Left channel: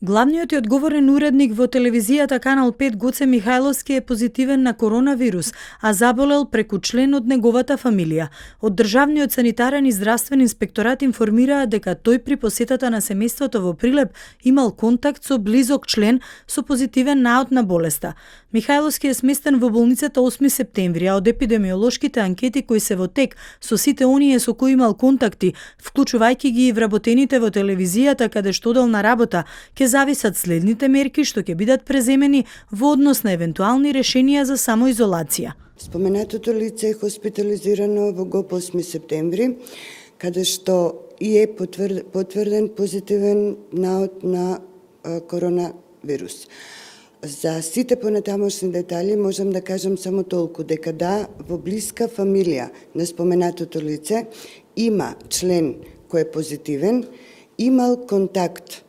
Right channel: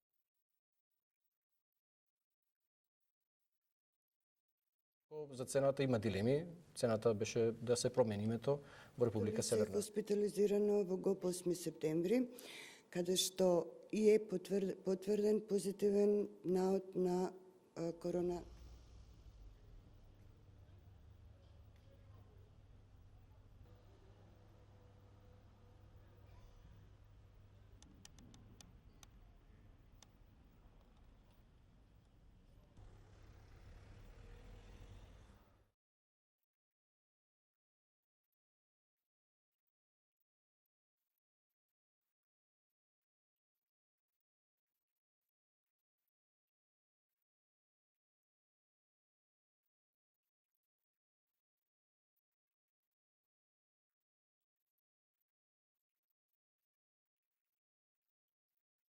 Главниот и одговорен уредник во телевизијата Канал 5 Гоце Михајловски е позитивен на коронавирус, а заболел преку член од неговата фамилија. Од Државниот санитарен и здравствен инспекторат информираа дека тој при посетата на семејството во Прилеп имал контакт со близок член со позитивен наод на болеста. Михајловски е сместен во болницата 8 септември, а од епидемиолошките анкети кои се во тек со сите оние со кои имал контакти, вклучувајќи ги и вработените во телевизијата каде што одел на работа, ќе зависат следните мерки што ќе бидат преземени во однос на евентуални решенија за самоизолација. Споменатото лице е хоспитализирано во ГОП 8 септември, каде што и е потврден позитивен наод на коронавирус. За сите понатамошни детали можам да кажам само толку, дека да, во блиска фамилија на споменатото лице има член кој е позитивен, имал контакт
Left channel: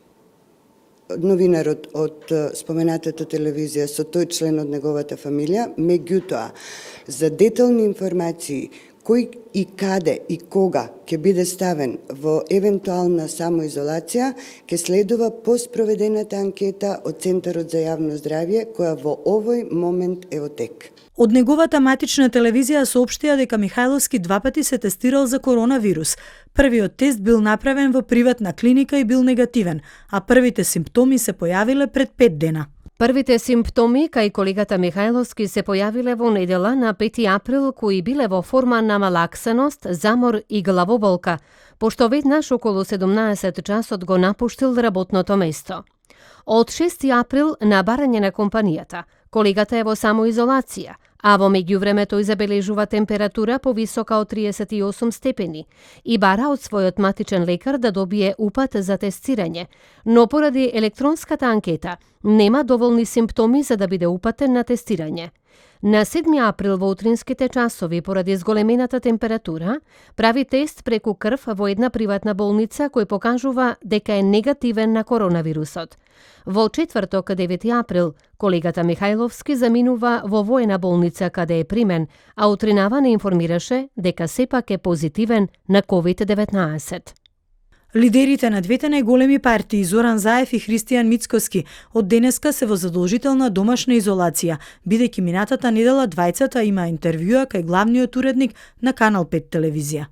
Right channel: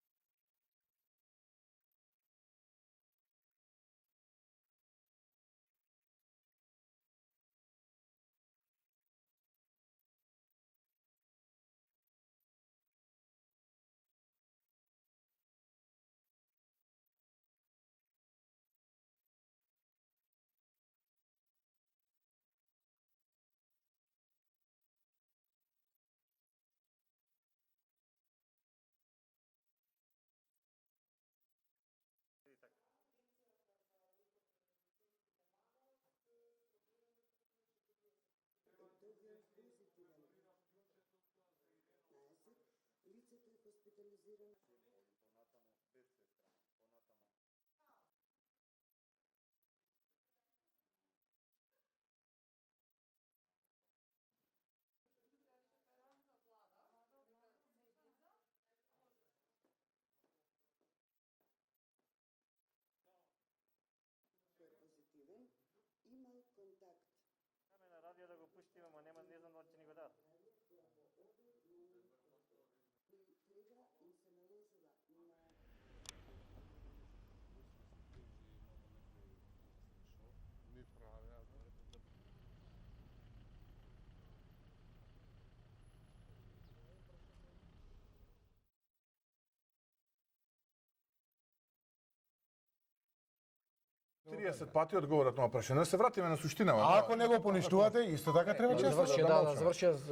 новинарот од споменатата телевизија со тој член од неговата фамилија, меѓутоа, за детални информации кој и каде и кога ќе биде ставен во евентуална самоизолација, ќе следува поспроведената анкета од Центарот за јавно здравје, која во овој момент е во тек. Од неговата матична телевизија соопштија дека Михајловски два пати се тестирал за коронавирус. Првиот тест бил направен во приватна клиника и бил негативен, а првите симптоми се појавиле пред 5 дена. Првите симптоми кај колегата Михајловски се појавиле во недела на 5 април, кои биле во форма на малаксаност, замор и главоболка, пошто веднаш околу 17 часот го напуштил работното место. Од 6 април на барање на компанијата, колегата е во самоизолација, а во меѓувреме тој забележува температура повисока од 38 степени и бара од својот матичен лекар да добие упат за тестирање, но поради електронската анкета нема доволни симптоми за да биде упатен на тестирање. На 7 април во утринските часови, поради зголемената температура, прави тест преку крв во една приватна болница кој покажува дека е негативен на коронавирусот. Во четврток, 9 април, колегата Михајловски заминува во воена болница каде е примен, а утринава не информираше дека сепак е позитивен на COVID-19. Лидерите на двете најголеми партии, Зоран Заев и Христијан Мицкоски, од денеска се во задолжителна домашна изолација, бидејќи минатата недела двајцата има интервјуа кај главниот уредник на Канал 5 телевизија.